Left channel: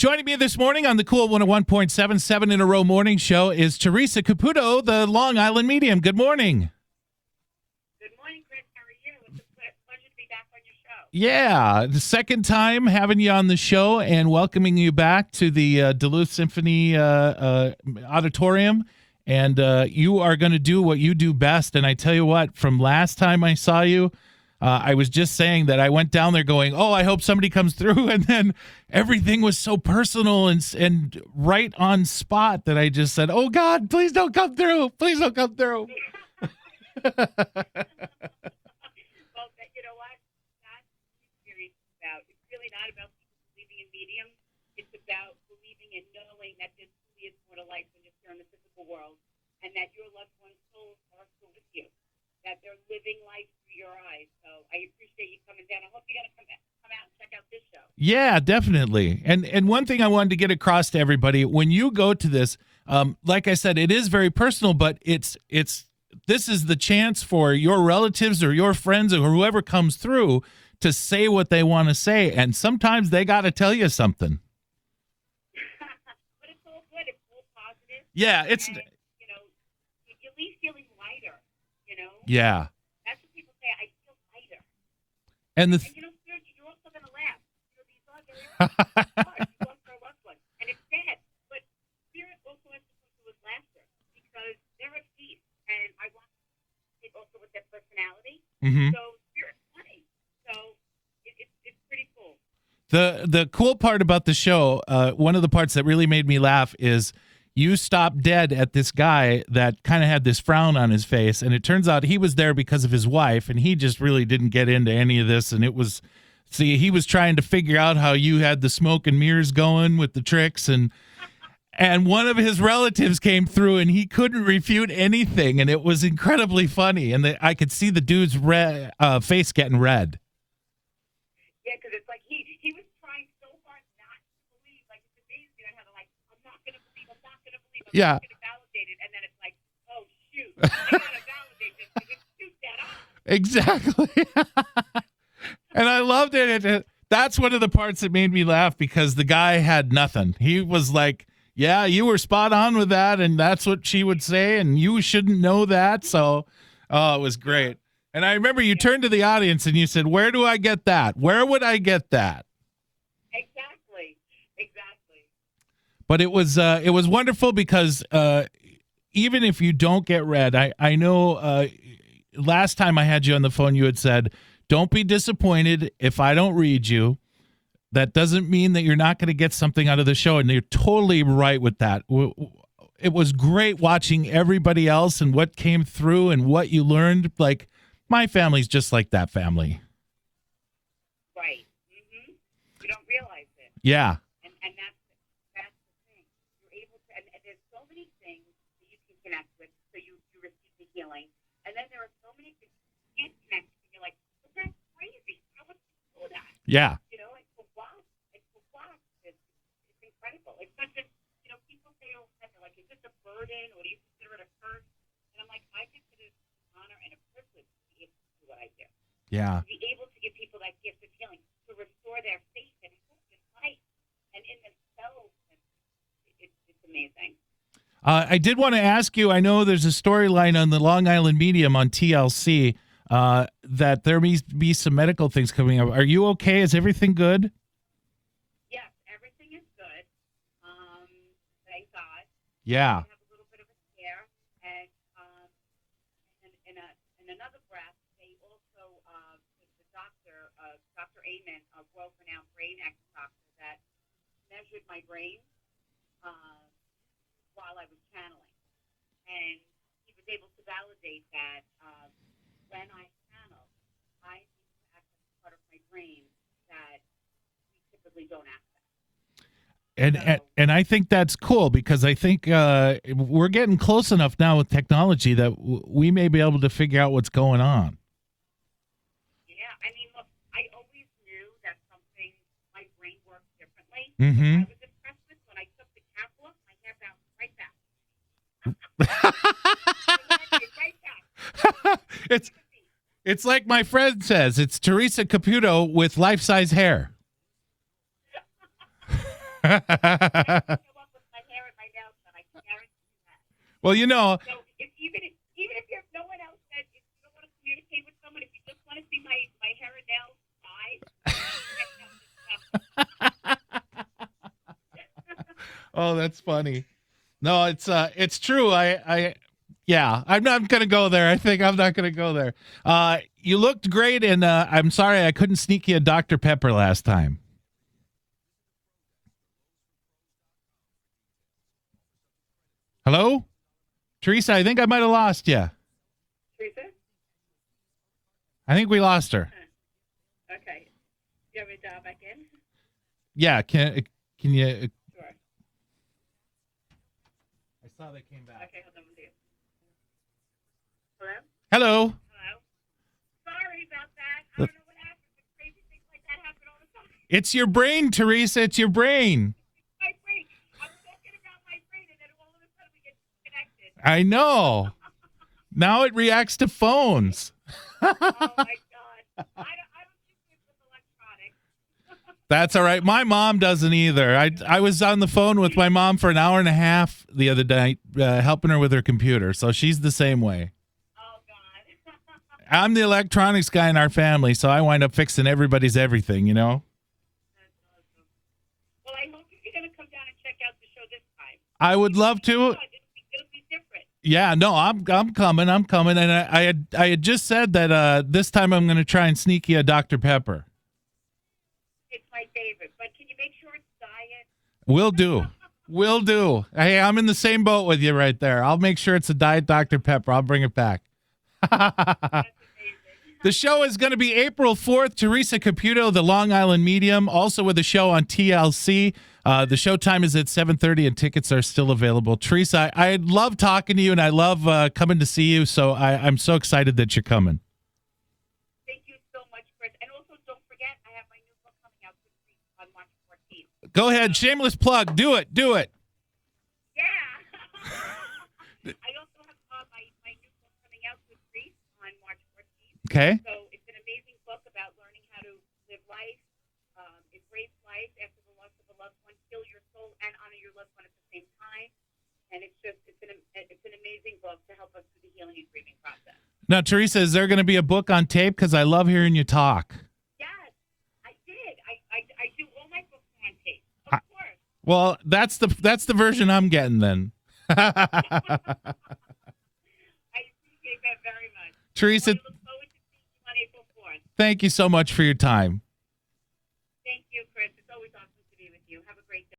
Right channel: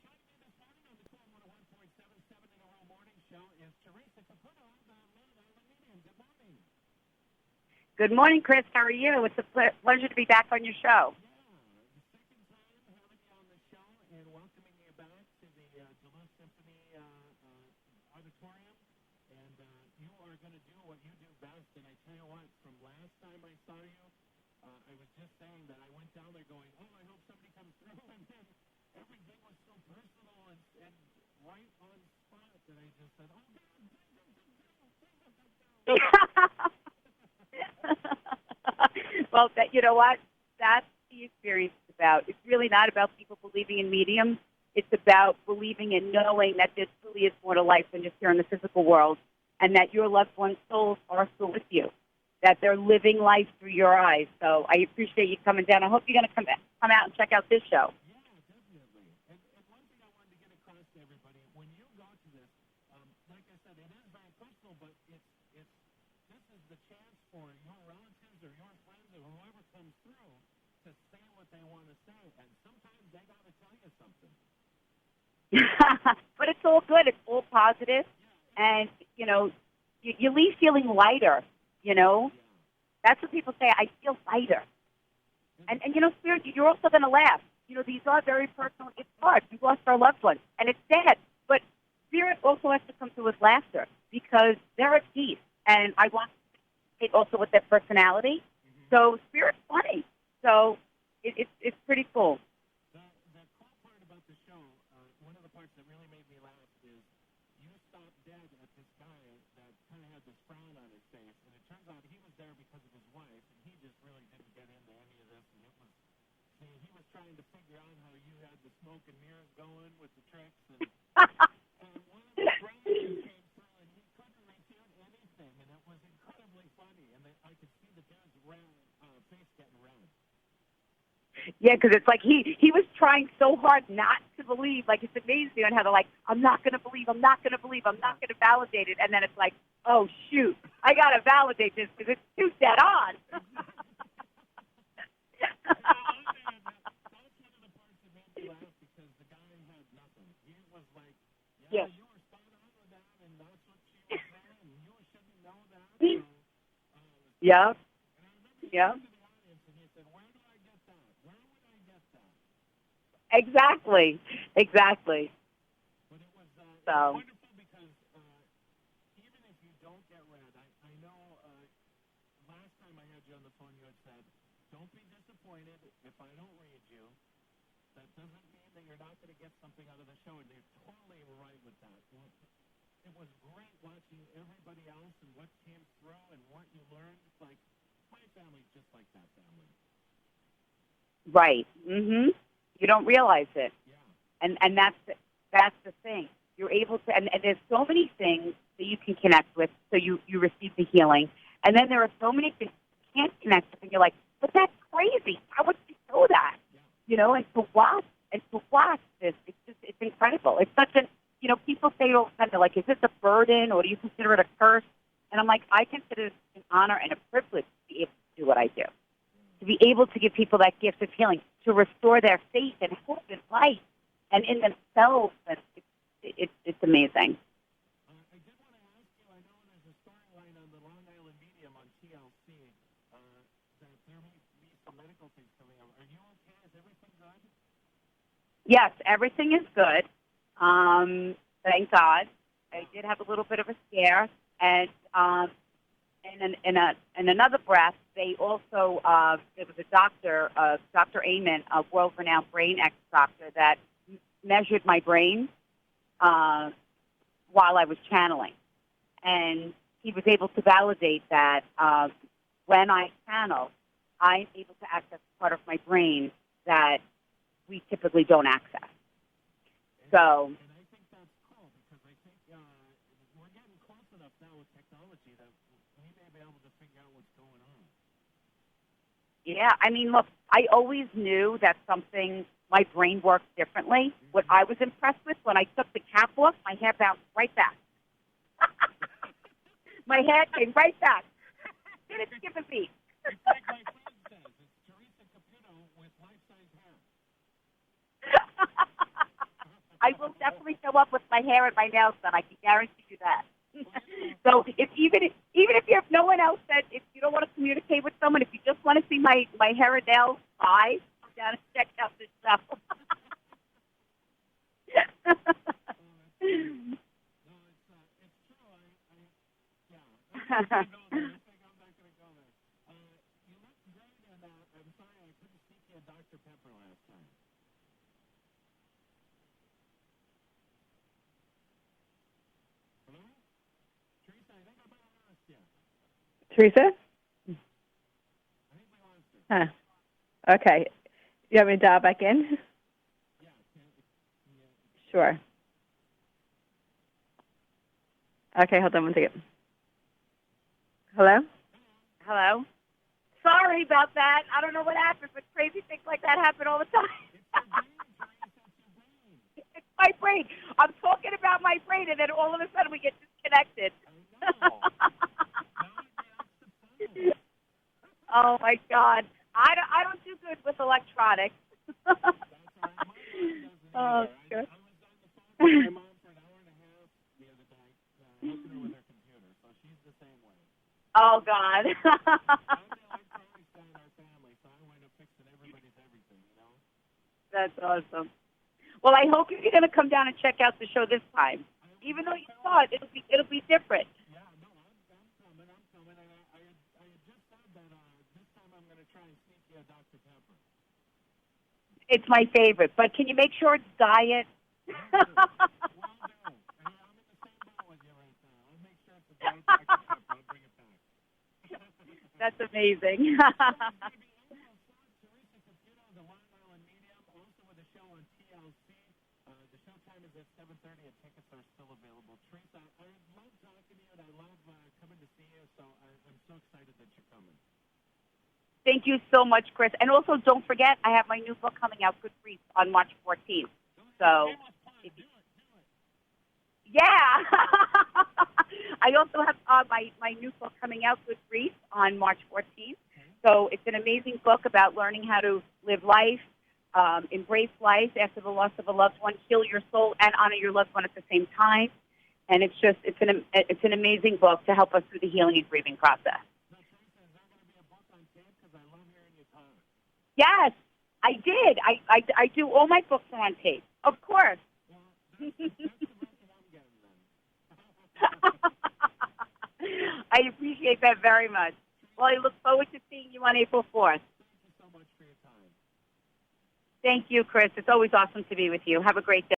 Joining me this morning on the Cool 101.77 in a row morning show is Theresa Caputo, the Long Island medium. Good morning. Good morning, Chris. How are you? It's a pleasure to be back on your show. Yeah, the second time having you on the show and welcoming you back to the Duluth Symphony Auditorium. And you are going to do what you do best. And I tell you what, from last time I saw you, I was just saying that I went down there going, oh, I hope somebody comes through. And then everything was so personal and right on spot that I just said, oh, God, please don't come through. Please don't come through. Well, you know what? That's the experience is about. It's really not about people believing in mediums. It's about believing and knowing that there truly is more to life than just here in the physical world, and that your loved one's souls are still with you, that they're living life through your eyes. So I appreciate you coming down. I hope you're going to come out and check out this show. Yeah, definitely. And one thing I wanted to get across to everybody, when you go to this, like I said, it is very personal, but this is the chance for your relatives or your friends or whoever comes through to say what they want to say. And sometimes they got to tell you something. But it's all good. It's all positive. Yeah. And, you leave feeling lighter, Yeah. That's what people say. I feel lighter. And Spirit, you're also going to laugh. These are very personal cards. We lost our loved one, and it's sad. But Spirit also has to come through with laughter because they're at peace. And I want it also with their personality. Mm-hmm. So Spirit's funny. So it's pretty cool. The cool part about the show, one of the parts that really made me laugh is you stopped dead at this guy that kind of had this frown on his face. And it turns out he was there because of his wife, and he just really didn't get into any of this. And he was trying to figure out how you had the smoke and mirrors going with the tricks. And and one of his relatives came through, and he couldn't refute anything. And it was incredibly funny. And I could see the dude's face getting red. Yeah, because it's like he was trying so hard not to believe. Like, it's amazing on how they're like, I'm not going to believe, I'm not going to believe, I'm not going to validate it. And then it's like, oh, shoot, I got to validate this because it's too dead on. Exactly. And I loved it. That's one of the parts that made me laugh because the guy had nothing. He was like, yeah, you were spot on with that, and that's what she would say, and you shouldn't know that. So, it was great. Yeah. And I remember you turned to the audience and you said, where do I get that? Where would I get that? Exactly. But it was wonderful because even if you don't get read, I know last time I had you on the phone, you had said, don't be disappointed if I don't read you. That doesn't mean that you're not going to get something out of the show. And you're totally right with that. It was great watching everybody else and what came through and what you learned. Like, my family's just like that family. Right. Mm-hmm. You don't realize it. Yeah. And that's the thing. You're able to, and there's so many things that you can connect with, so you receive the healing. And then there are so many things you can't connect with, and you're like, but that's crazy. How would you know that? Yeah. And to watch this, it's incredible. It's such a, people say all the time, they're like, is this a burden or do you consider it a curse? And I'm like, I consider it an honor and a privilege to be able to do what I do. Yeah. To be able to give people that gift of healing, to restore their faith and hope in life and in themselves. And it's amazing. I did want to ask you, I know there's a storyline on the Long Island Medium on TLC that there may be some medical things coming up. Are you okay? Is everything good? Yes, everything is good. Thank God. Yeah. I did have a little bit of a scare. And in another breath, they also there was a doctor, Dr. Amen, a world-renowned brain doctor, that measured my brain while I was channeling, and he was able to validate that when I channel, I'm able to access part of my brain that we typically don't access. And I think that's cool because I think we're getting close enough now with technology that we may be able to figure out what's going on. Yeah, I mean, look, I always knew that my brain works differently. Mm-hmm. What I was impressed with, when I took the cap off, my hair bounced right back. My hair came right back. It's like my friend says, it's Theresa Caputo with life-size hair. I will definitely show up with my hair and my nails done. I can guarantee you that. Well, So even if you have no one else that if you don't want to communicate with someone, if you just want to see my hair and nails, I gotta check out this stuff. oh, that's funny. No, it's true. I'm not going to go there. I think I'm not going to go there. You looked great, and I'm sorry I couldn't sneak you a Dr. Pepper last time. Hello? Theresa, I think I might have lost you. Theresa? I think we lost her. Huh. Okay. You want me to dial back in? Yeah, can you? Sure. I saw they came back. Okay, hold on one second. Hello? Hello. Hello. Sorry about that. I don't know what happened, but crazy things like that happen all the time. It's your brain, Theresa. It's your brain. It's my brain. I'm talking about my brain, and then all of a sudden we get disconnected. I know. Now it reacts to phones. Oh my God. I don't do good with electronics. That's all right. My mom doesn't either. I was on the phone with my mom for an hour and a half the other night, helping her with her computer. So she's the same way. Oh God. I'm the electronics guy in our family, so I wind up fixing everybody's everything, you know? That's awesome. Well, I hope you're going to come down and check out the show this time. I would Even love though you to. thought it'll be different. Yeah, no, I'm coming. And I had just said that this time I'm going to try and sneak you a Dr. Pepper. It's my favorite, but can you make sure it's diet? Will do. Will do. Hey, I'm in the same boat with you right there. I'll make sure it's a Diet Dr. Pepper. I'll bring it back. That's amazing. The show is going to be April 4th. Theresa Caputo, the Long Island Medium, also with a show on TLC. The show time is at 7:30 and tickets are still available. Theresa, I love talking to you and I love coming to see you. So I'm so excited that you're coming. Thank you so much, Chris. And also, don't forget, I have my new book coming out, Good Grief, on March 14th. Go ahead. So, shameless plug. Do it. Do it. yeah. I also have my new book coming out, Good Grief, on March 14th. Okay. So it's an amazing book about learning how to live life, embrace life after the loss of a loved one, heal your soul, and honor your loved one at the same time. And it's an amazing book to help us through the healing and grieving process. Now, Theresa, is there going to be a book on tape? Because I love hearing you talk. Yes, I did. I do all my books are on tape, of course. Well, that's the version I'm getting then. I appreciate that very much. Theresa, Well, I look forward to seeing you on April 4th. thank you so much for your time. Thank you, Chris. It's always awesome to be with you. Have a great day.